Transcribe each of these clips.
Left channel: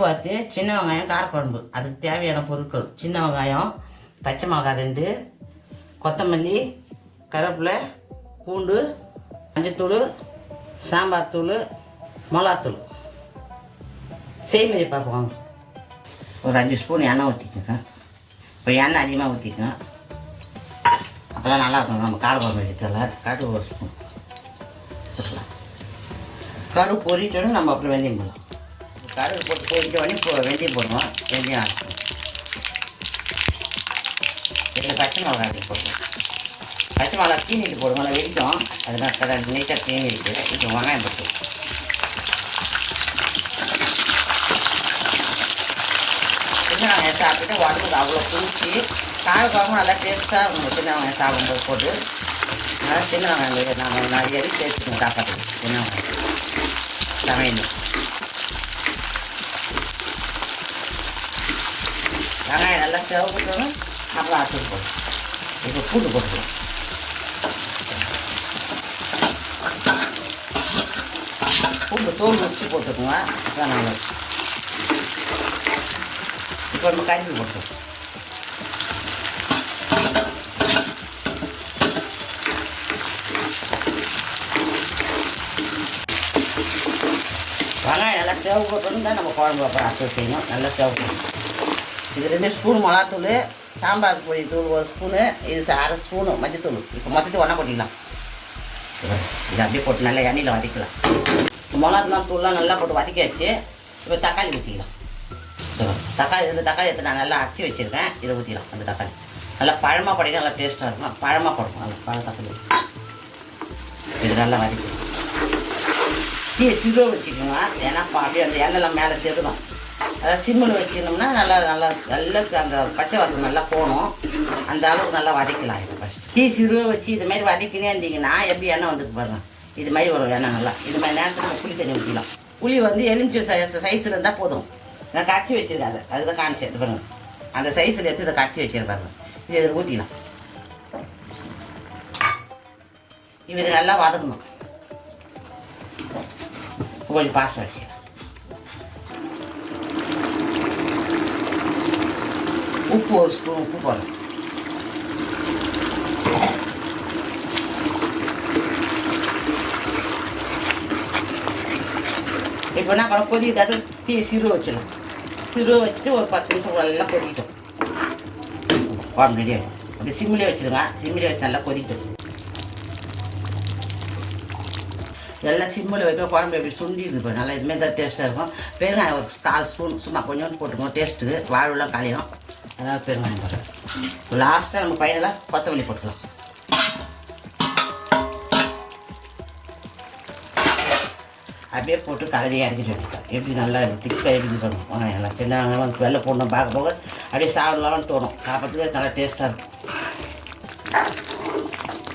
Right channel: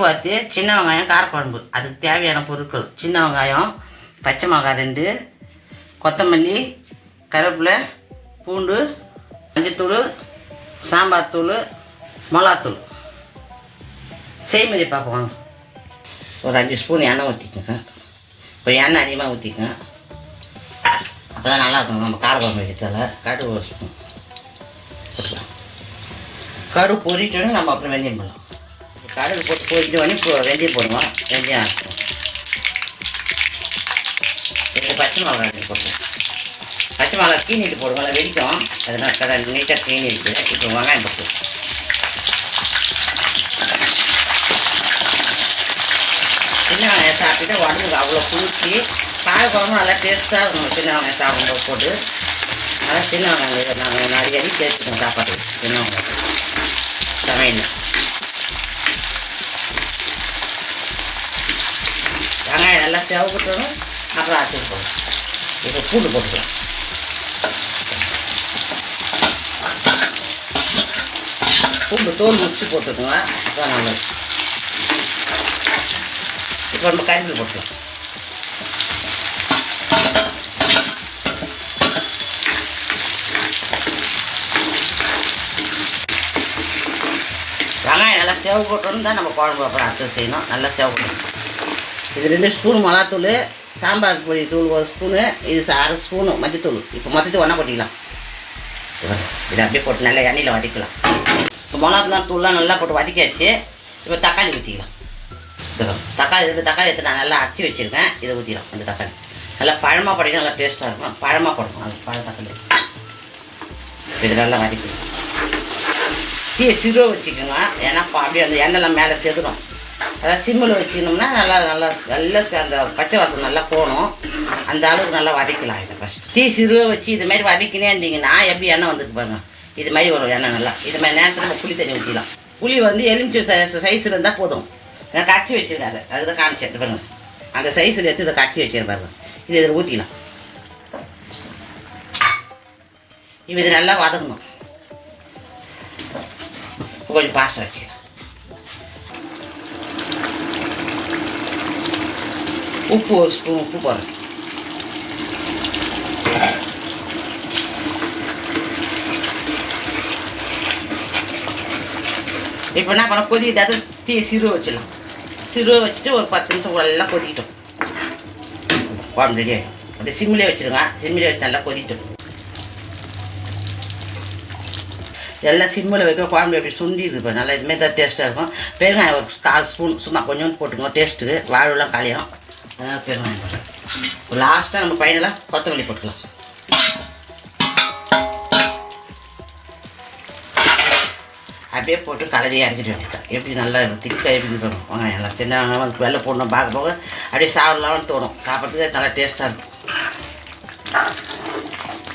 பார்த்து சின்ன வெங்காயம் காரக்குழம்பு. அதுக்கு தேவையான பொருட்கள்: சின்ன வெங்காயம், பச்சை மிளகாய் 2, கொத்தமல்லி, கருவேப்பிலை, பூண்டு, மஞ்சத்தூள், சாம்பார் தூள், மிளகாத்தூள். செய்முறை பார்ப்போம். ஒரு 5 ஸ்பூன் எண்ணெய் ஊற்றிக்கோங்க. இப்போ எண்ணெய் அதிகமாக ஊற்றிக்கோங்க, அப்போ தான் நல்லாயிருக்கும். நம்ம காரக்குழம்பு வைக்கிறதால கடுகு 1 ஸ்பூன் போட்டுக்கலாம். கடுகு பொரிட்டோன்னு நம்ம அப்புறம் வெந்தயம் போடலாம். கடுகு போட்டு பொரிட்டோடனே இப்போ வெந்தயம் போடுவோம். வெந்தயம் இப்போ பச்சை மிளகாய் போடுவோம். பச்சை மிளகாய் கீனிட்டு போடுவோம், வெடிக்கும். அதனால் கடை நீட்டாக கீனி இருக்குது. இப்போ வெங்காயம் போட்டுவோம். சின்ன வெங்காயம் சாப்பிட்டு உடம்புக்கு அவ்வளோ குளிர்ச்சி. காரக்குழம்பு நல்லா டேஸ்ட்டாக இருக்கும். சின்ன வெங்காயம் சாப்பிடும்போது போட்டு நல்லா சின்ன வெங்காயம் நாங்கள் நிறைய சேர்த்துக்கோங்க சாப்பாடு. சின்ன வெங்காயம் சமையல் வெங்காயம் நல்லா செவக்கணும். அப்புறம் அரைச்சி போடும். இப்போ பூண்டு போட்டுக்கலாம். பூண்டு தோல் முடிச்சு போட்டுக்கோங்க, அப்புறம் நல்லா. இப்போ நம்ம கரும்பு போட்டுக்கலாம். வெங்காயம் நல்லா செவ போட்டோன்னு தான் நம்ம குழம்பு அப்புறம் அரைச்சி செய்யணும். நல்லா செவக்கணும். இது 2 ஸ்பூன் மிளகாத்தூள், சாம்பார் பொடி தூள் 1 ஸ்பூனு, இது 1/2 ஸ்பூனு மஞ்சத்தூள். இப்போ மொத்தத்தை ஒன்றா கொட்டிக்கலாம். இதை அப்படியே போட்டு நல்லா எண்ணெயில் வதக்கலாம். மிளகாத்தூள் தூள்லாம் நல்லா போட்டு வதக்கியாச்சு. இப்போ தக்காளி ஊற்றிக்கலாம். தக்காளி எடுத்து நான் நல்லா அரைச்சி வச்சுருக்கேன். இதை ஊற்றிடலாம். இந்த தக்காளி நல்லா பழமாக போட்டிங்கன்னா நல்லா டேஸ்ட்டாக இருக்கும். பழமாக போடணும். அது பழ தக்காளி இது நல்லா வதக்கணும். டீயை சிறுவை வச்சுக்கோங்க, ஏன்னா அப்படியே அந்த எண்ணெய்லாம் மேலே செதுடும். அதாவது சிம்மில் வச்சுக்கணும்னா நல்லா நல்லா நல்லா அந்த பச்சை வாசம் நல்லா போகணும். அந்த அளவுக்கு நல்லா வதக்கலாம். இதை ஃபஸ்ட்டு டீ சிறுவை வச்சு இது மாதிரி வதக்கினே இருந்தீங்கன்னா எப்படி எண்ணெய் வந்துட்டு பாருங்க. இது மாதிரி வரும் எண்ணெய் நல்லா. இது மாதிரி நேரத்தில் புளி தண்ணி ஊற்றிக்கலாம். புளி வந்து எலுமிச்சை சைஸில் இருந்தால் போதும். நான் கரைச்சி வச்சுருக்காங்க, அதுதான் காமிச்சேன் பாருங்க. அந்த சைஸில் எடுத்து இதை கரைச்சி வச்சுருப்பாருங்க. இது இதில் ஊற்றிக்கலாம். இப்போ இது நல்லா வதக்கணும். கொஞ்சம் பாசம் வச்சுக்கலாம். உப்பு 1 ஸ்பூன் உப்பு போடணும். இப்போ என்ன பண்ண கொதிக்கிட்டாது டீ சிறுவை வச்சிடலாம். சிறுவை வச்சுட்டு ஒரு 10 நிமிஷம் எல்லாம் கொதிக்கிட்டோம். குழம்பு ரெடி ஆகிடும். அப்படியே சிம்மிலே வச்சுருங்க. சிம்மிலே வச்சு நல்லா கொதிக்கிட்டோம். எல்லாம் சிம்மில் வைக்க குழம்பு எப்படி சுண்டி இருக்குது நல்லா. இதுமாரி தான் டேஸ்ட்டாக இருக்கும். பெருங்காயம் ஒரு 1/4 ஸ்பூன் சும்மா கொஞ்சோண்டு போட்டுக்கோங்க டேஸ்ட்டுக்கு. வாழலாம் காலியும். அதனால் பெருங்காயம் போட்டேன். லாஸ்ட்டாக நம்ம பையனெல்லாம் கொத்தமல்லி போட்டுக்கலாம். அப்படியே போட்டு கலரியாக இறக்கிட்டு வந்துட்டேன். எப்படி நல்லா திக்காக எப்படி இருக்கணும். வெங்காயம் எல்லாம் சின்ன வெங்காயம் வெள்ளை போடணும். பார்க்க போக அப்படியே சாப்பிடலாம்னு தோணும். சாப்பிட்றதுக்கு நல்லா டேஸ்ட்டாக இருக்கும்.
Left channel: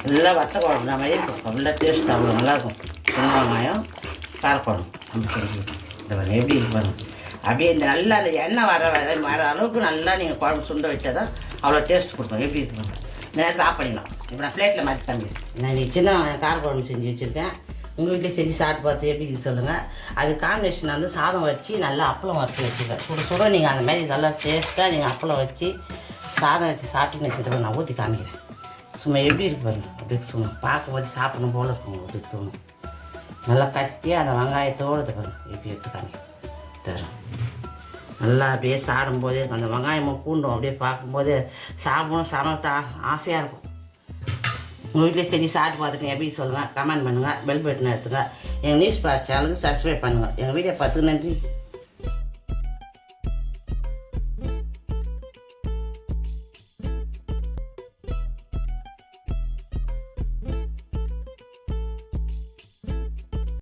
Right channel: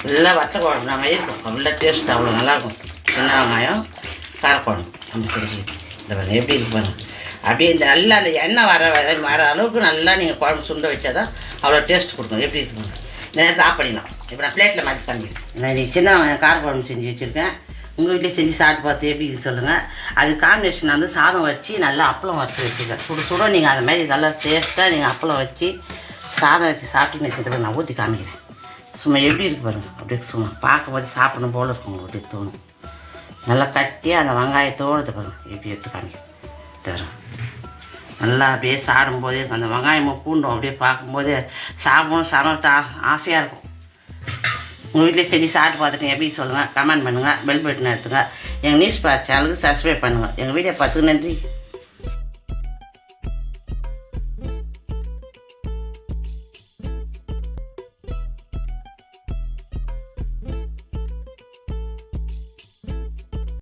எல்லாம் வத்த குழம்பு நம்ம இருக்கும். அவ்வளோ டேஸ்ட் அவ்வளோ நல்லாயிருக்கும். சின்ன வெங்காயம் காரக்குழம்பு அப்படி செஞ்சு இந்த பாருங்க எப்படி இருக்கு பாருங்க. அப்படியே இந்த நல்லா அந்த எண்ணெய் வர அளவுக்கு நல்லா நீங்கள் குழம்பு சுண்ட வச்சா தான் அவ்வளோ டேஸ்ட் கொடுக்கும். எப்படி இருக்குங்க. இந்த நேரத்தில் ஆஃப் பண்ணிடலாம். இப்போ நான் பிளேட்டில் மாற்றி பண்ணிடுறேன். நான் சின்ன வெங்காயம் காரக்குழம்பு செஞ்சு வச்சுருக்கேன். உங்கள் வீட்டில் செஞ்சு சாப்பிட்டு பார்த்து எப்படி இது சொல்லுங்கள். அது காம்பினேஷன் வந்து சாதம் வச்சு நல்லா அப்பளம் வச்சு வச்சுருக்கேன். சுட நீங்கள் அது மாதிரி நல்லா டேஸ்ட்டாக நீங்கள் அப்பளம் வச்சு சாதம் வச்சு சாப்பிட்டு நிற்கிறதுக்கு நான் ஊற்றி காமிக்கிறேன். சும்மா எப்படி இருக்கு பாருங்க. அப்படியே சும்மா பார்க்கும்போது சாப்பிடணும் போல் இருக்கும். அப்படி தோணும். நல்லா கட்டியாக அந்த வெங்காயத்தோடு பாருங்க எப்படி எடுத்து காமிக்கிறேன். தரும் நல்லா அப்படியே சாப்பிடும்போது அந்த வெங்காயமும் பூண்டும் அப்படியே பார்க்கும்போது சாப்பிடணும் சாப்பிட்டு ஆசையாக இருக்கும். உங்கள் வீட்டில் செஞ்சு சாப்பிட்டு பார்த்துட்டு எப்படி சொல்லுங்கள். கமெண்ட் பண்ணுங்கள். பெல் பட்டன் எடுத்துங்க. எங்கள் நியூஸ் பார் சேனலுக்கு சப்ஸ்கிரைப் பண்ணுங்கள். எங்கள் வீடியோ பார்த்துக்கு நன்றி.